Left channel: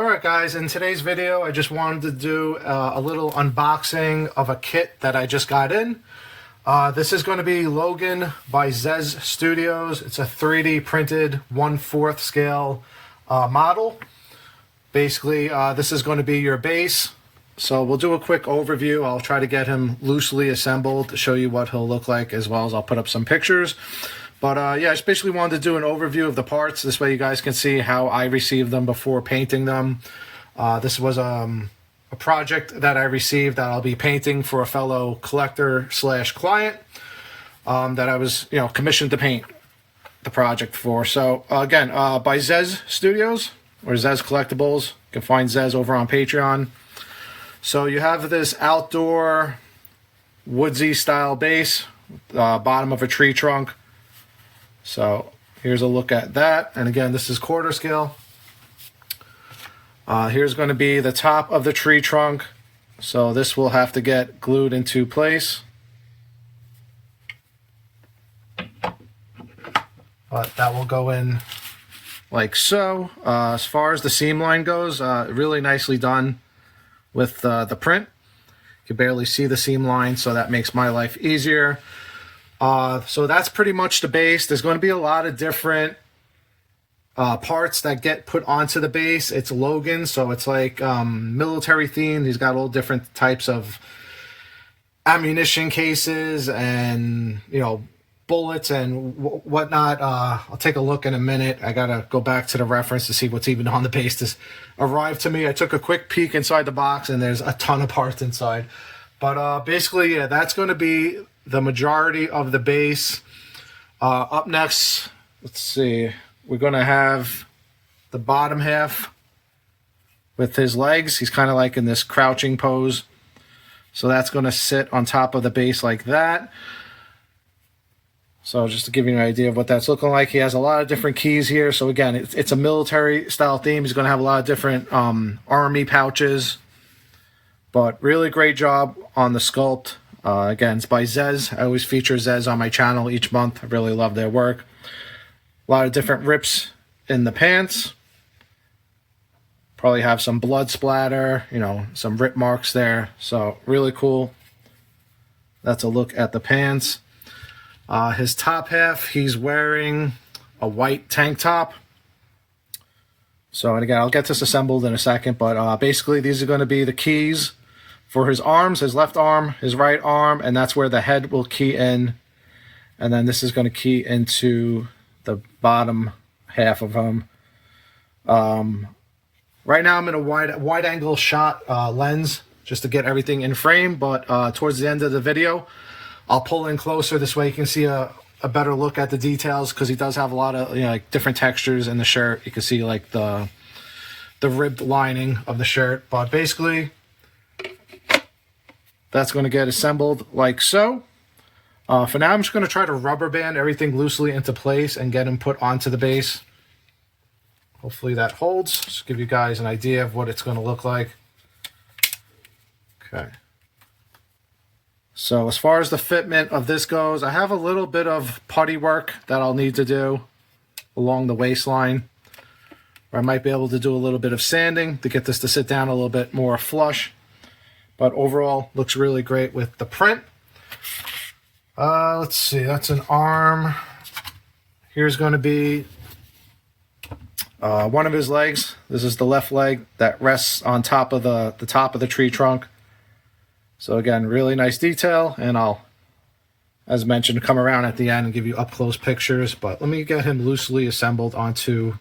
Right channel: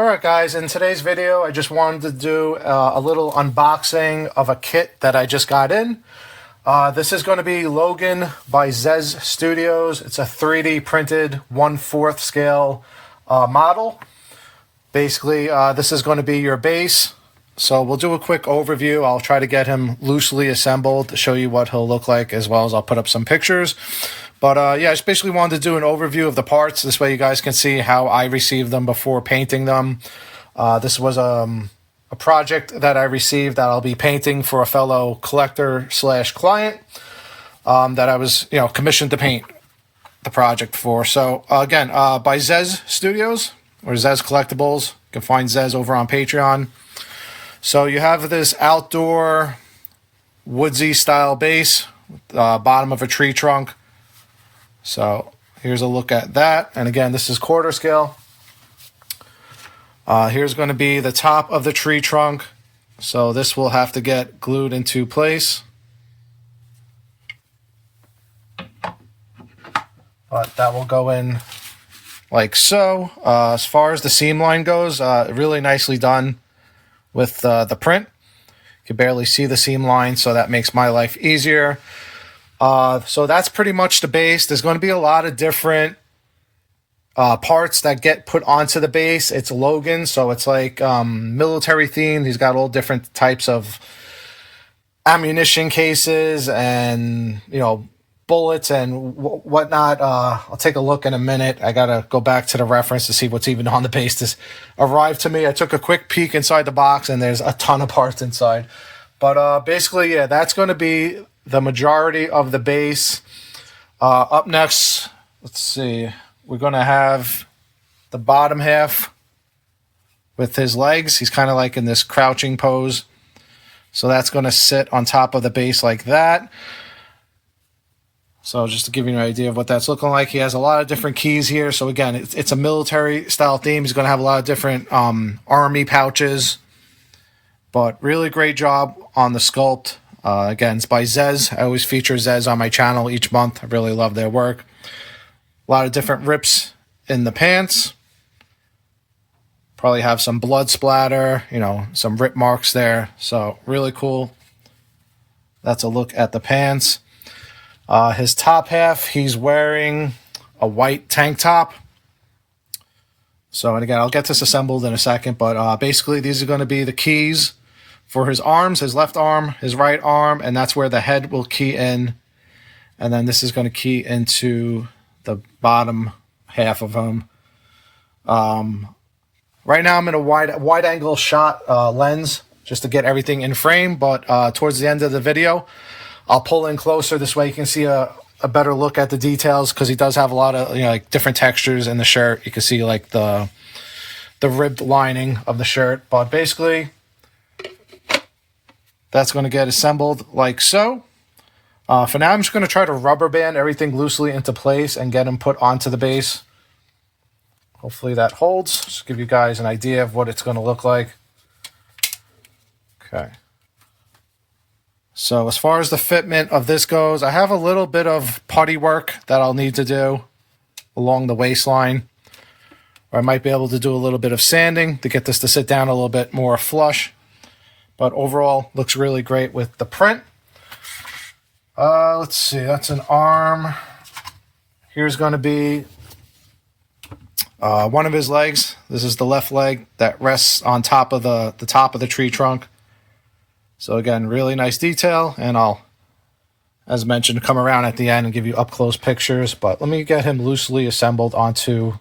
Alright guys, in today's video I just wanted to do a little unboxing of a kit that I just got in. This is going to be Logan by ZEZ Studios. It's a 3D printed 1/4 scale model. Basically this is going to be your base. So we'll do a quick overview. I'll try to get him loosely assembled to show you what he'll look like, as well as I'll put up some pictures. But yeah, I just basically wanted to do an overview of the parts. This way you guys can see how I received them before painting them. This was a project that I received that I'll be painting for a fellow collector / client that I was commissioned to paint the project for. So again, by ZEZ Studios or ZEZ Collectibles. You can find ZEZ over on Patreon. So you have this outdoor woodsy style base, bottom of a tree trunk. So here's a look at that. And again, this is quarter scale. Here's going to be the top of the tree trunk. So this will have to get glued into place. But that will go in like so. As far as the seam line goes, really nicely done with the print. You can barely see the seam line, so that makes my life easier. So that's pretty much the base. There's going to be a lot of different parts that get put onto the base. It's Logan, so it's like military themed. He's got all different types of ammunition cases and bullets and whatnot. I'll take a look in a minute. I gotta go back to the reference to see what's even on the base. This arrived to me. I took a quick peek inside the box, and there's a ton of parts inside. But basically, yeah, that's going to be the majority of the base. Up next, let's see, we're going to have the bottom half with his legs. He's kind of like in this crouching pose. So that's going to sit on top of the base like that. So just to give you an idea of what that's looking like, he has a lot of different keys here. So again, it's a military style theme. He's going to have a lot of different army pouches. But really great job on the sculpt. Again, it's by ZEZ. I always feature ZEZ on my channel each month. I really love their work. A lot of different rips in the pants. Probably have some blood splatter, some rip marks there. So really cool. That's a look at the pants. His top half, he's wearing a white tank top. So, and again, I'll get this assembled in a second, but basically these are going to be the keys for his arms, his left arm, his right arm, and that's where the head will key in. And then this is going to key into the bottom half of him. Right now I'm in a wide angle shot lens just to get everything in frame, but towards the end of the video, I'll pull in closer. This way you can see a better look at the details, because he does have a lot of like different textures in the shirt. You can see like the ribbed lining of the shirt, but basically that's going to get assembled like so. For now, I'm just going to try to rubber band everything loosely into place and get him put onto the base. Hopefully that holds. Just give you guys an idea of what it's going to look like. Okay. So as far as the fitment of this goes, I have a little bit of putty work that I'll need to do along the waistline. Or I might be able to do a little bit of sanding to get this to sit down a little bit more flush. But overall, looks really great with the print. Let's see, that's an arm. Here's going to be one of his legs. This is the left leg that rests on top of the top of the tree trunk. So again, really nice detail, and I'll, as mentioned, come around at the end and give you up-close pictures. But let me get him loosely assembled onto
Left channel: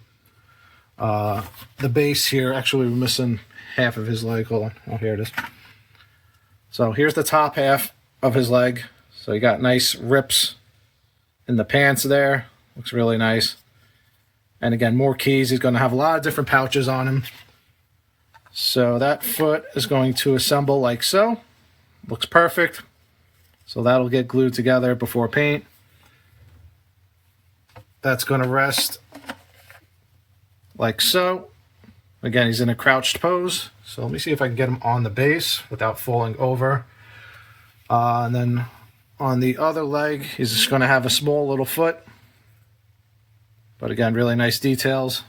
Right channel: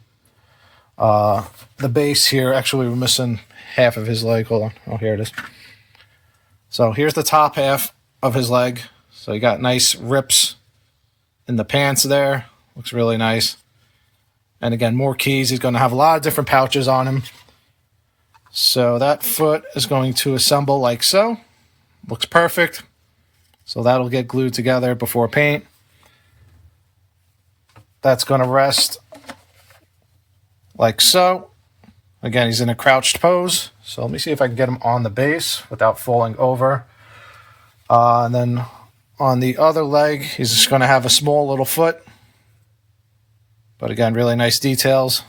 the base here. Actually, we're missing half of his leg. Hold on. Oh, here it is. So here's the top half of his leg. So you got nice rips in the pants there. Looks really nice. And again, more keys. He's going to have a lot of different pouches on him. So that foot is going to assemble like so. Looks perfect. So that'll get glued together before paint. That's going to rest like so. Again, he's in a crouched pose. So let me see if I can get him on the base without falling over. And then on the other leg, he's just going to have a small little foot. But again, really nice details.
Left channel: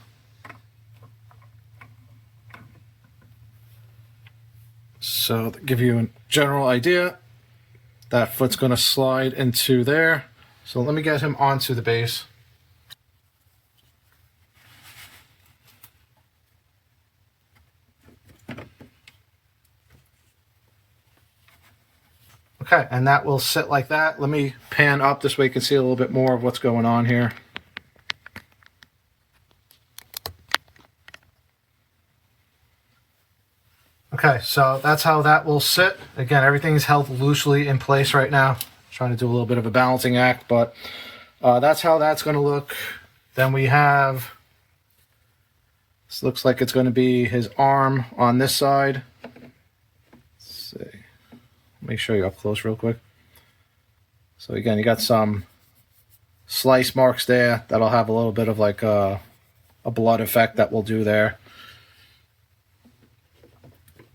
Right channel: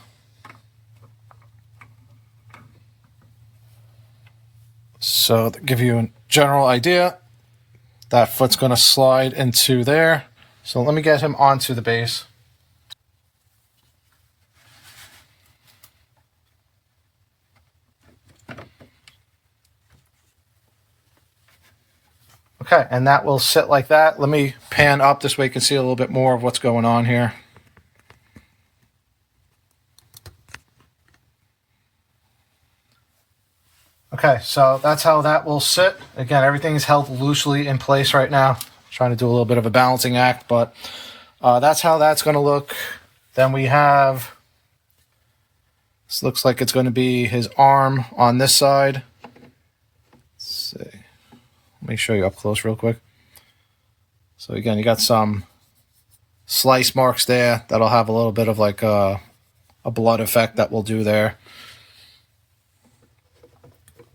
So to give you a general idea, that foot's going to slide into there. So let me get him onto the base. Okay, and that will sit like that. Let me pan up this way you can see a little bit more of what's going on here. Okay, so that's how that will sit. Again, everything's held loosely in place right now. Trying to do a little bit of a balancing act, but that's how that's going to look. Then we have, this looks like it's going to be his arm on this side. Let's see. Let me show you up close real quick. So again, you got some slice marks there that'll have a little bit of like a blood effect that we'll do there.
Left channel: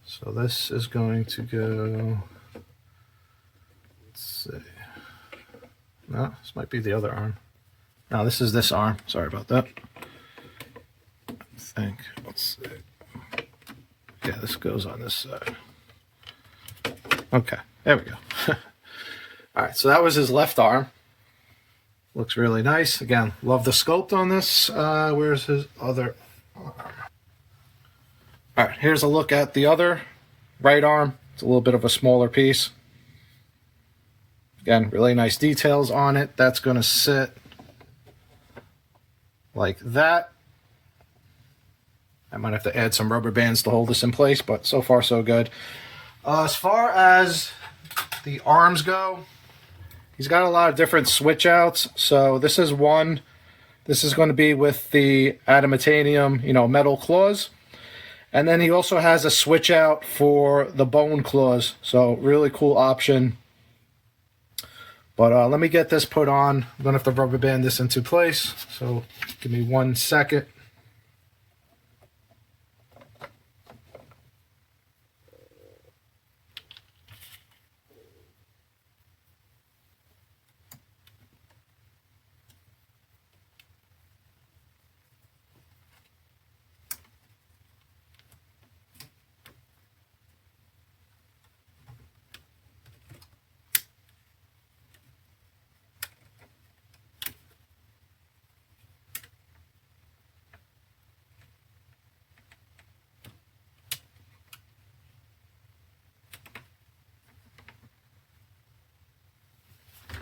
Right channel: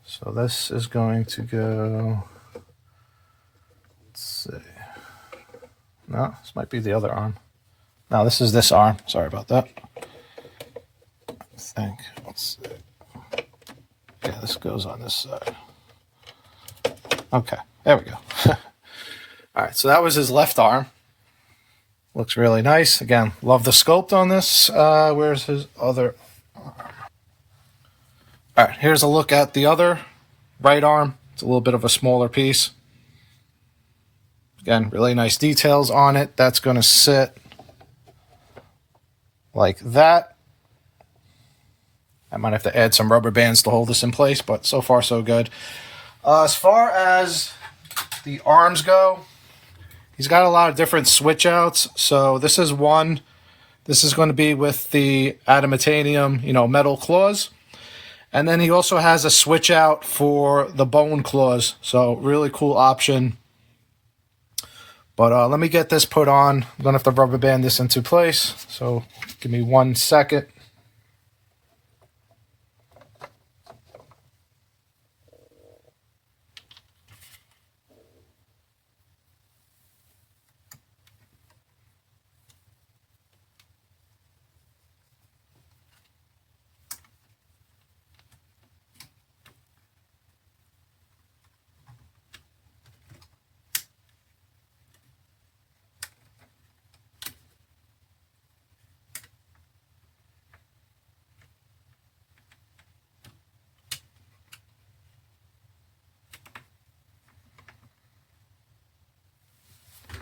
So this is going to go, let's see. No, this might be the other arm. No, this is this arm. Sorry about that. I think, let's see. Yeah, this goes on this side. Okay, there we go. All right, so that was his left arm. Looks really nice. Again, love the sculpt on this. Where's his other arm? All right, here's a look at the other right arm. It's a little bit of a smaller piece. Again, really nice details on it. That's going to sit like that. I might have to add some rubber bands to hold this in place, but so far so good. As far as the arms go, he's got a lot of different switch outs. So this is one. This is going to be with the adamantium, metal claws. And then he also has a switch out for the bone claws. So really cool option. But let me get this put on. I'm going to have to rubber band this into place. So give me 1 second.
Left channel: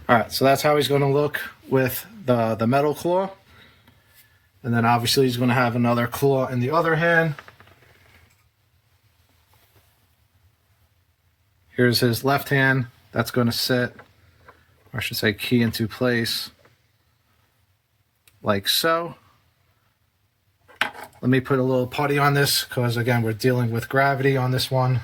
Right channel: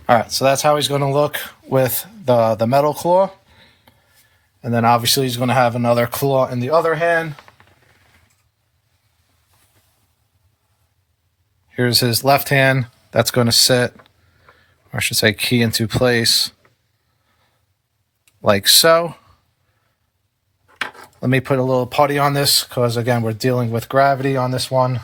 All right, so that's how he's going to look with the metal claw. And then obviously he's going to have another claw in the other hand. Here's his left hand. That's going to sit, or I should say key into place, like so. Let me put a little putty on this because, again, we're dealing with gravity on this one.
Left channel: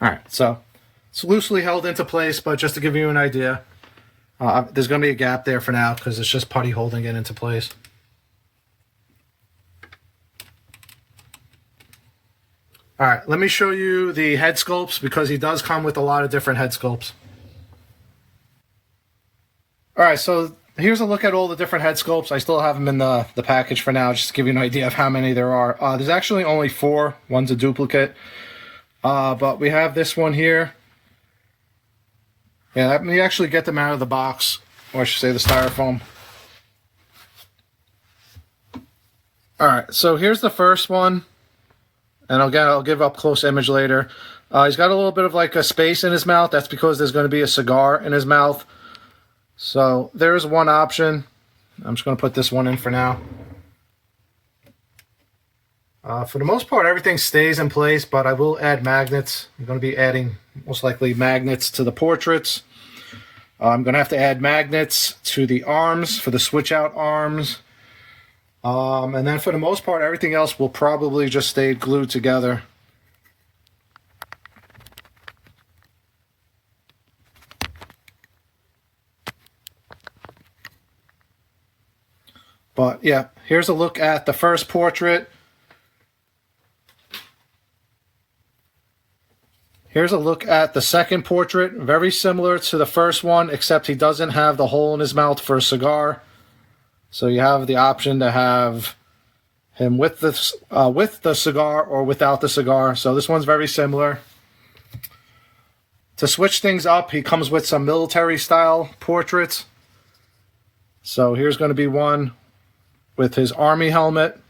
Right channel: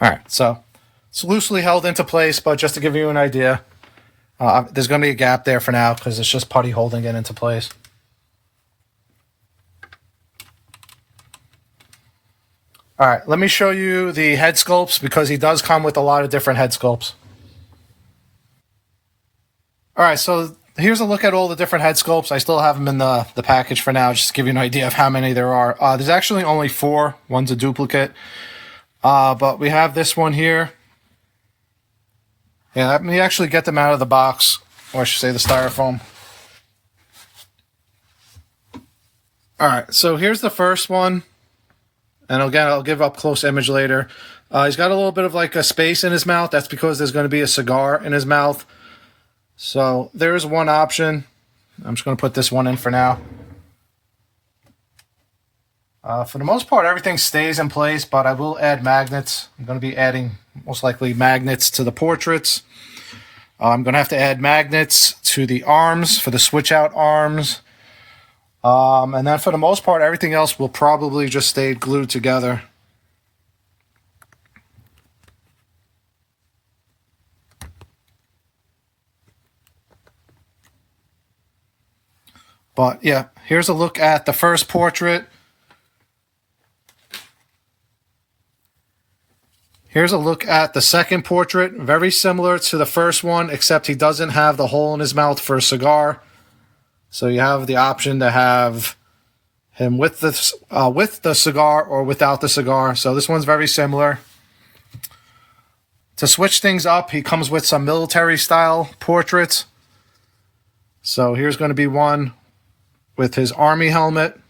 All right, so it's loosely held into place, but just to give you an idea, there's going to be a gap there for now because it's just putty holding it into place. All right, let me show you the head sculpts because he does come with a lot of different head sculpts. All right, so here's a look at all the different head sculpts. I still have them in the package for now, just to give you an idea of how many there are. There's actually only 4. One's a duplicate. But we have this one here. Yeah, let me actually get them out of the box, or I should say the styrofoam. All right, so here's the first one. And again, I'll give up close image later. He's got a little bit of like a space in his mouth. That's because there's going to be a cigar in his mouth. So there's one option. I'm just going to put this one in for now. For the most part, everything stays in place, but I will add magnets. I'm going to be adding, most likely, magnets to the portraits. I'm going to have to add magnets to the arms, for the switch-out arms. And then for the most part, everything else will probably just stay glued together. But yeah, here's a look at the first portrait. Here's a look at the second portrait. Very similar to the first one, except he doesn't have the hole in his mouth for a cigar. So you have the option to have him with the cigar or without the cigar. So this one's very similar. To switch things up, he comes with some military style portraits. So here's going to be one with his army helmet.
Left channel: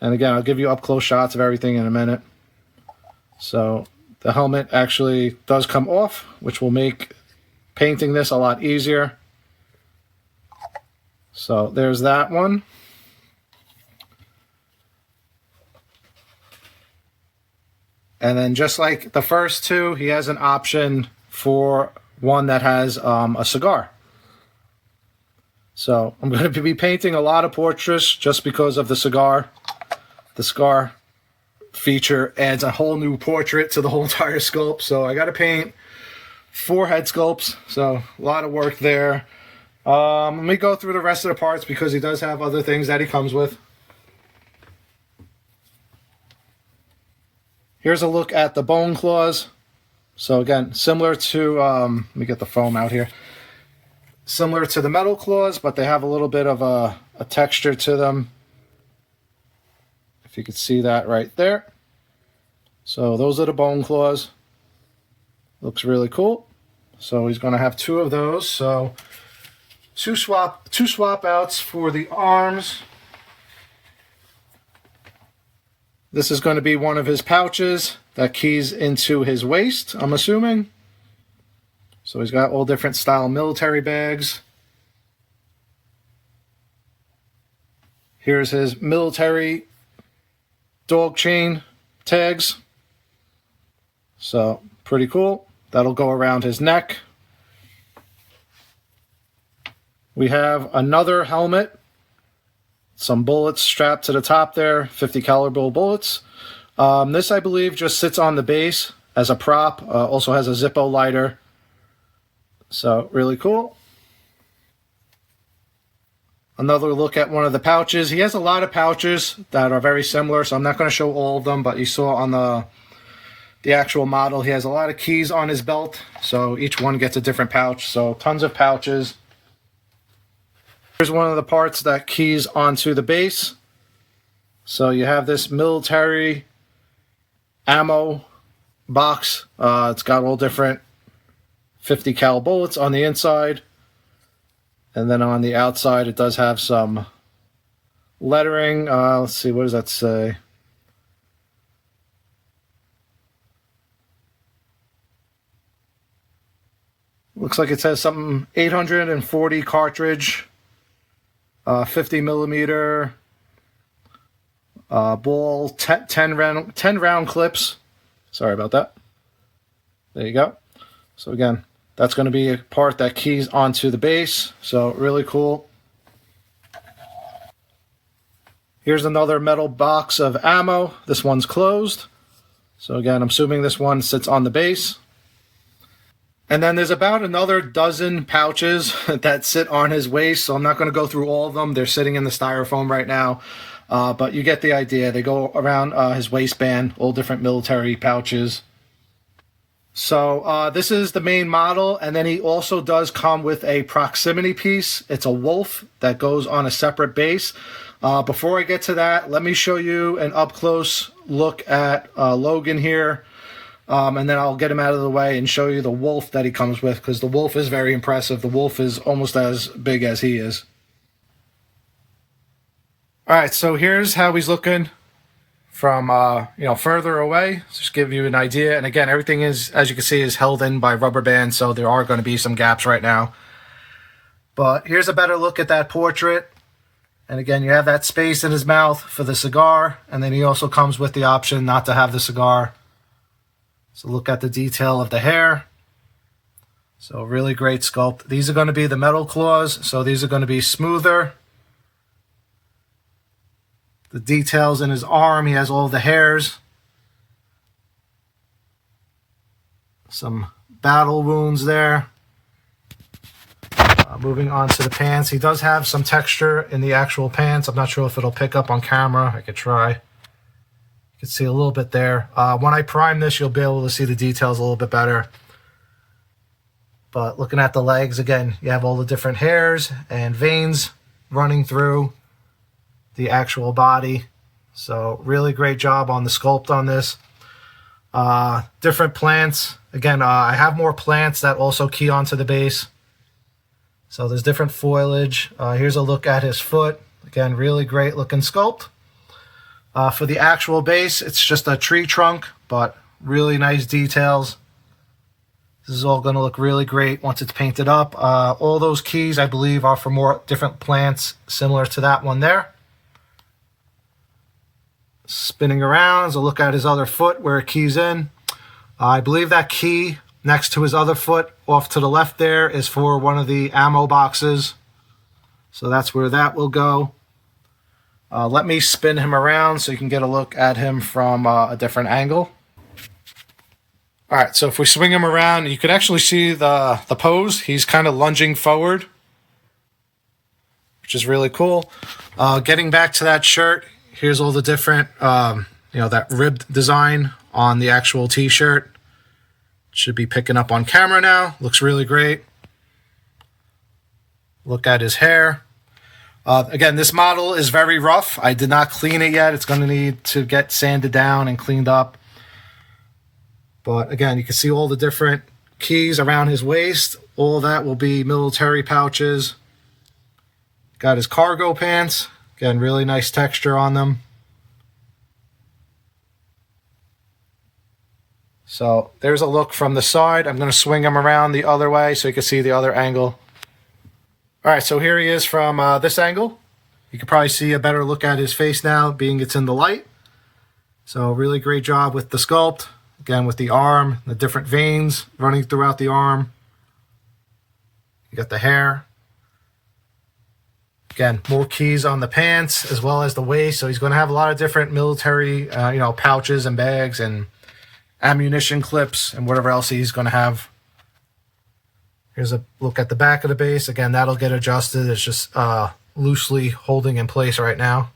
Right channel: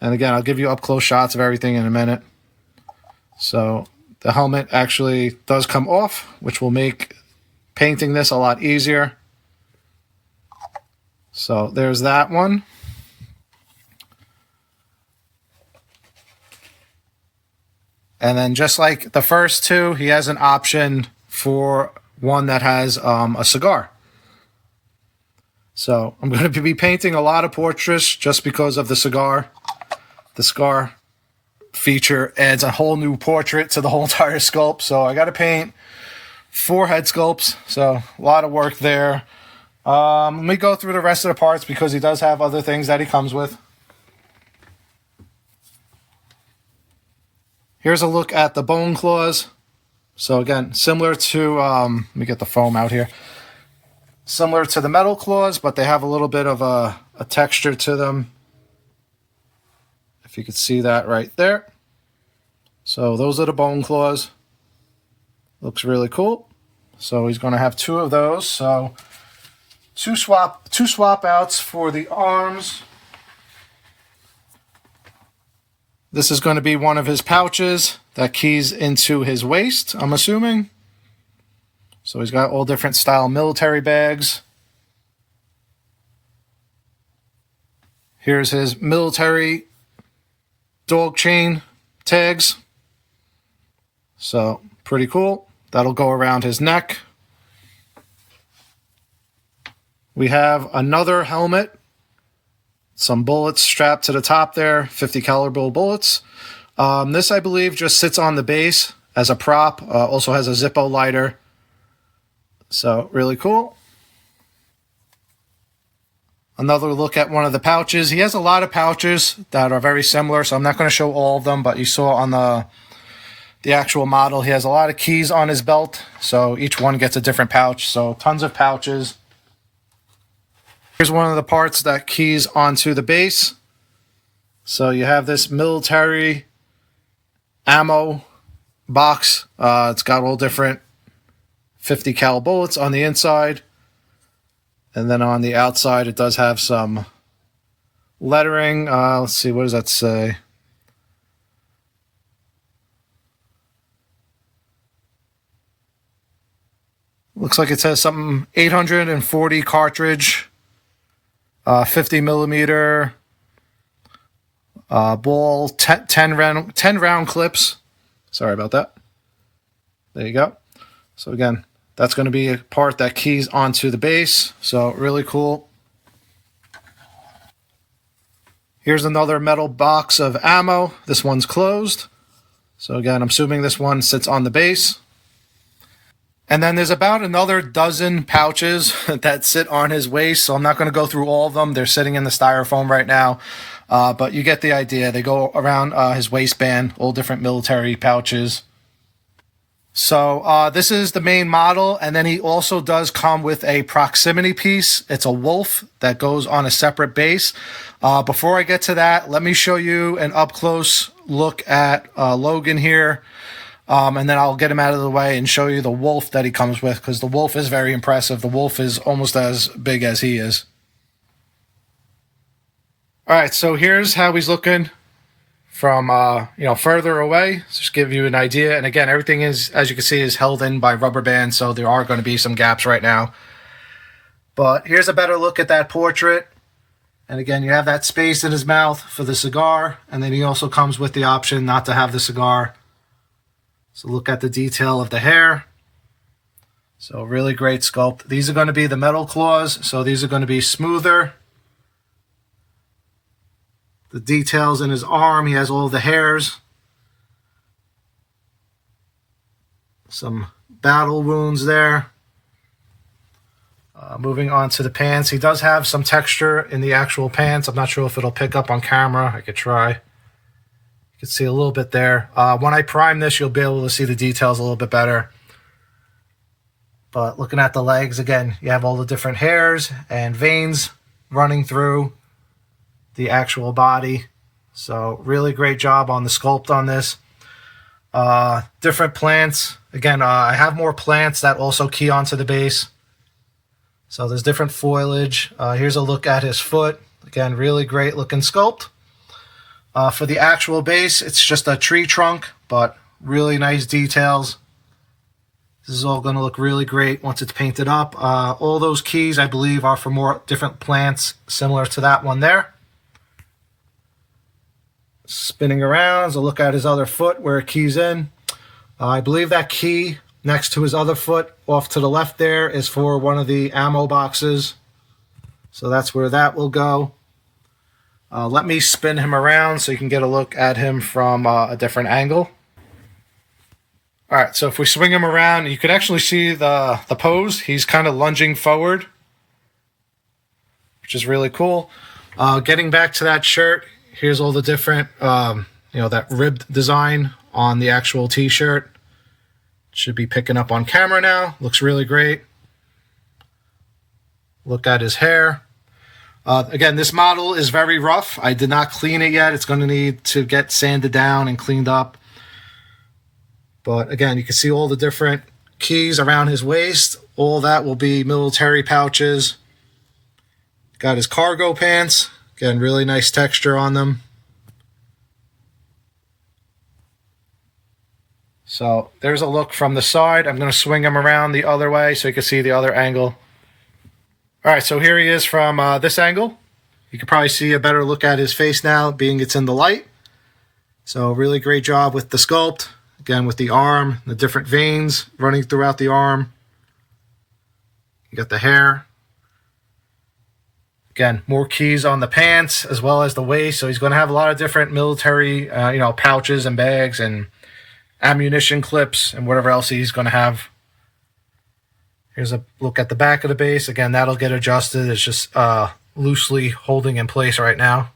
And again, I'll give you up close shots of everything in a minute. So the helmet actually does come off, which will make painting this a lot easier. So there's that one. And then just like the first two, he has an option for one that has a cigar. So I'm going to be painting a lot of portraits just because of the cigar. The cigar feature adds a whole new portrait to the whole entire sculpt. So I got to paint 4 head sculpts. So a lot of work there. Let me go through the rest of the parts because he does have other things that he comes with. Here's a look at the bone claws. So again, similar to, let me get the foam out here. Similar to the metal claws, but they have a little bit of a texture to them. If you could see that right there. So those are the bone claws. Looks really cool. So he's going to have 2 of those. So two swap outs for the arms. This is going to be one of his pouches that keys into his waist, I'm assuming. So he's got all different style military bags. Here's his military dog chain tags. So pretty cool. That'll go around his neck. We have another helmet. Some bullets strapped to the top there, 50 caliber bullets. This, I believe, just sits on the base as a prop. Also has a Zippo lighter. So, really cool. Another look at one of the pouches. He has a lot of pouches that are very similar, so I'm not going to show all of them, but you saw on the actual model, he has a lot of keys on his belt, so each one gets a different pouch. So, tons of pouches. Here's one of the parts that keys onto the base. So you have this military ammo box. It's got all different 50 cal bullets on the inside. And then on the outside, it does have some lettering. Let's see, what does that say? Looks like it says something 840 cartridge. 50 millimeter ball, 10 round clips. Sorry about that. There you go. So again, that's going to be a part that keys onto the base. So really cool. Here's another metal box of ammo. This one's closed. So again, I'm assuming this one sits on the base. And then there's about another dozen pouches that sit on his waist. So I'm not going to go through all of them. They're sitting in the styrofoam right now. But you get the idea. They go around his waistband, all different military pouches. So this is the main model. And then he also does come with a proximity piece. It's a wolf that goes on a separate base. Before I get to that, let me show you an up-close look at Logan here. And then I'll get him out of the way and show you the wolf that he comes with, because the wolf is very impressive. The wolf is almost as big as he is. All right, so here's how he's looking from further away. Just give you an idea. And again, everything is, as you can see, is held in by rubber bands, so there are going to be some gaps right now. But here's a better look at that portrait. And again, you have that space in his mouth for the cigar, and then he also comes with the option not to have the cigar. So look at the detail of the hair. So really great sculpt. These are going to be the metal claws, so these are going to be smoother. The details in his arm, he has all the hairs. Some battle wounds there. Moving on to the pants. He does have some texture in the actual pants. I'm not sure if it'll pick up on camera. I could try. You can see a little bit there. When I prime this, you'll be able to see the details a little bit better. But looking at the legs, again, you have all the different hairs and veins running through the actual body. So really great job on the sculpt on this. Different plants. Again, I have more plants that also key onto the base. So there's different foliage. Here's a look at his foot. Again, really great looking sculpt. For the actual base, it's just a tree trunk, but really nice details. This is all going to look really great once it's painted up. All those keys, I believe, are for more different plants, similar to that one there. Spinning around, so look at his other foot where it keys in. I believe that key next to his other foot off to the left there is for one of the ammo boxes. So that's where that will go. Let me spin him around so you can get a look at him from a different angle. All right, so if we swing him around, you can actually see the pose. He's kind of lunging forward, which is really cool. Getting back to that shirt, here's all the different, that ribbed design on the actual t-shirt. Should be picking up on camera now. Looks really great. Look at his hair. Again, this model is very rough. I did not clean it yet. It's going to need to get sanded down and cleaned up. But again, you can see all the different keys around his waist. All that will be military pouches. Got his cargo pants. Again, really nice texture on them. So there's a look from the side. I'm going to swing him around the other way so you can see the other angle. All right, so here he is from this angle. You can probably see a better look at his face now, being it's in the light. So really great job with the sculpt. Again, with the arm, the different veins running throughout the arm. You got the hair. Again, more keys on the pants as well as the waist. So he's going to have a lot of different military, pouches and bags and ammunition clips and whatever else he's going to have. Here's a look at the back of the base. Again, that'll get adjusted. It's just loosely holding in place right now.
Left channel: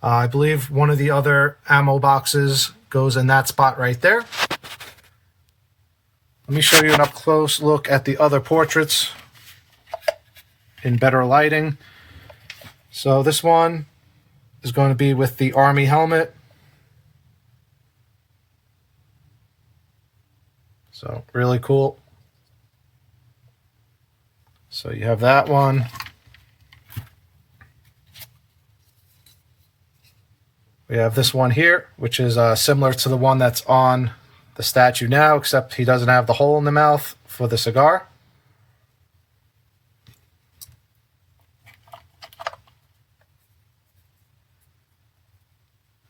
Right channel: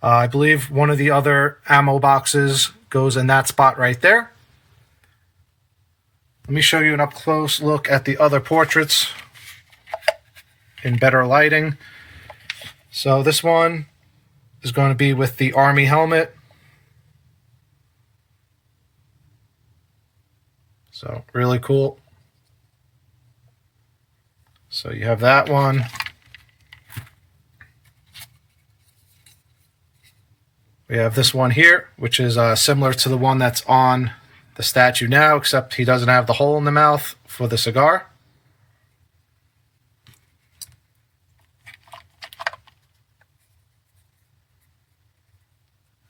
I believe one of the other ammo boxes goes in that spot right there. Let me show you an up-close look at the other portraits in better lighting. So this one is going to be with the Army helmet. So really cool. So you have that one. We have this one here, which is similar to the one that's on the statue now, except he doesn't have the hole in the mouth for the cigar.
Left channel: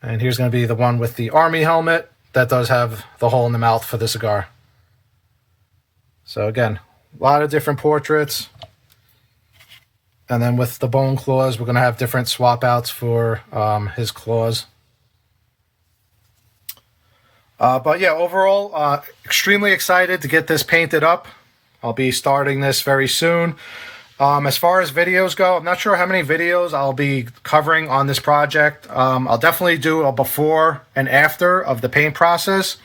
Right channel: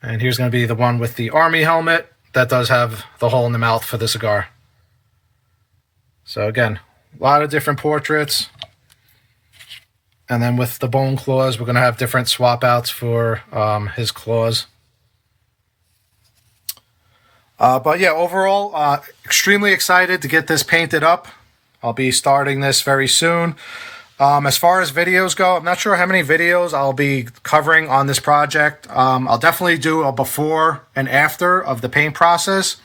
And here's going to be the one with the Army helmet that does have the hole in the mouth for the cigar. So again, a lot of different portraits. And then with the bone claws, we're going to have different swap outs for his claws. But yeah, overall, extremely excited to get this painted up. I'll be starting this very soon. As far as videos go, I'm not sure how many videos I'll be covering on this project. I'll definitely do a before and after of the paint process.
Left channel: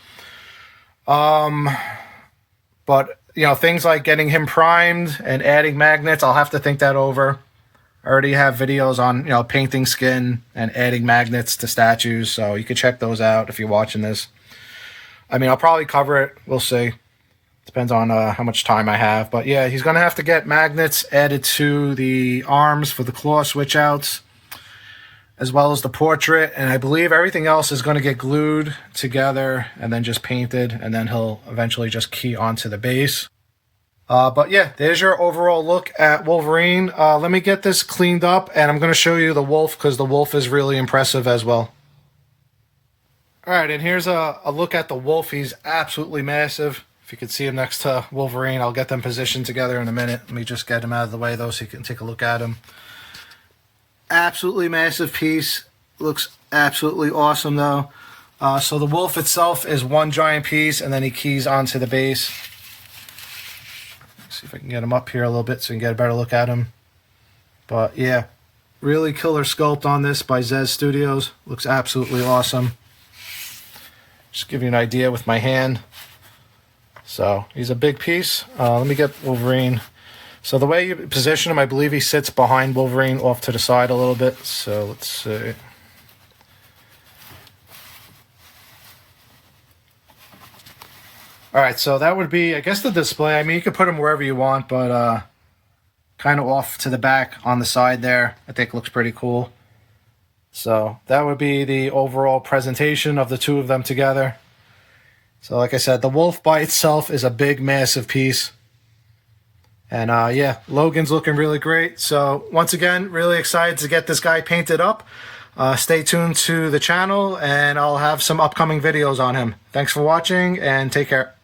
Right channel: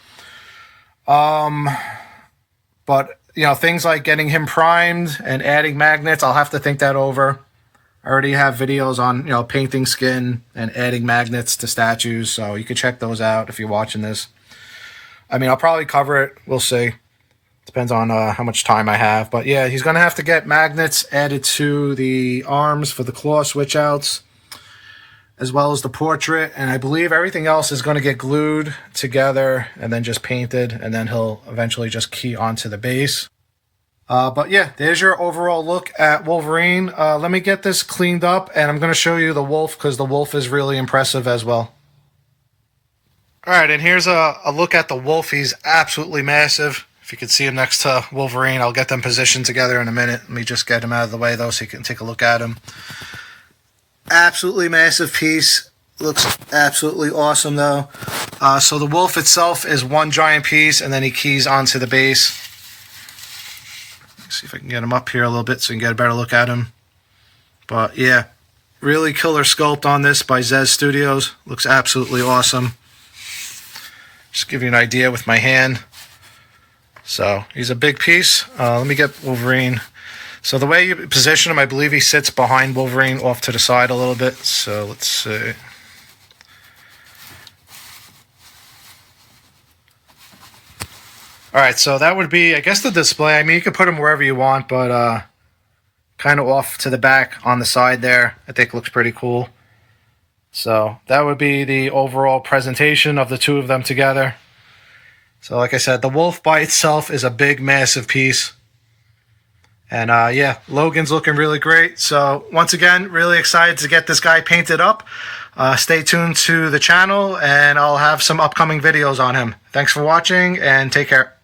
But, things like getting him primed and adding magnets, I'll have to think that over. I already have videos on, painting skin and adding magnets to statues, so you can check those out if you're watching this. I'll probably cover it. We'll see. Depends on how much time I have. But yeah, he's going to have to get magnets added to the arms for the claw switch outs, as well as the portrait. And I believe everything else is going to get glued together and then just painted. And then he'll eventually just key onto the base. But yeah, there's your overall look at Wolverine. Let me get this cleaned up, and I'm going to show you the wolf, because the wolf is really impressive as well. All right, and here's a look at the wolf. He's absolutely massive. If you can see him next to Wolverine, I'll get them positioned together in a minute. Let me just get him out of the way, though, so you can take a look at him. Absolutely massive piece. Looks absolutely awesome, though. So the wolf itself is one giant piece, and then he keys onto the base. Let's see if I can get him up here a little bit so you can get a better look at him. But yeah, Really killer sculpt on this by ZEZ Studios. Looks absolutely awesome. Just give you an idea with my hand. So he's a big piece. Let me get Wolverine. So the way you position him, I believe he sits behind Wolverine off to the side a little bit. So let's see. All right, so that would be, I guess, the display. I mean, you could put him wherever you want, but kind of off to the back on the side there, I think looks pretty cool. So that would be the overall presentation of the two of them together. So like I said, the Wolf by itself is a big, massive piece. And yeah, Logan's looking really great. So once again, really excited to get this guy painted up. Stay tuned to the channel, and I'll have some upcoming videos on him. Thanks for watching, and take care.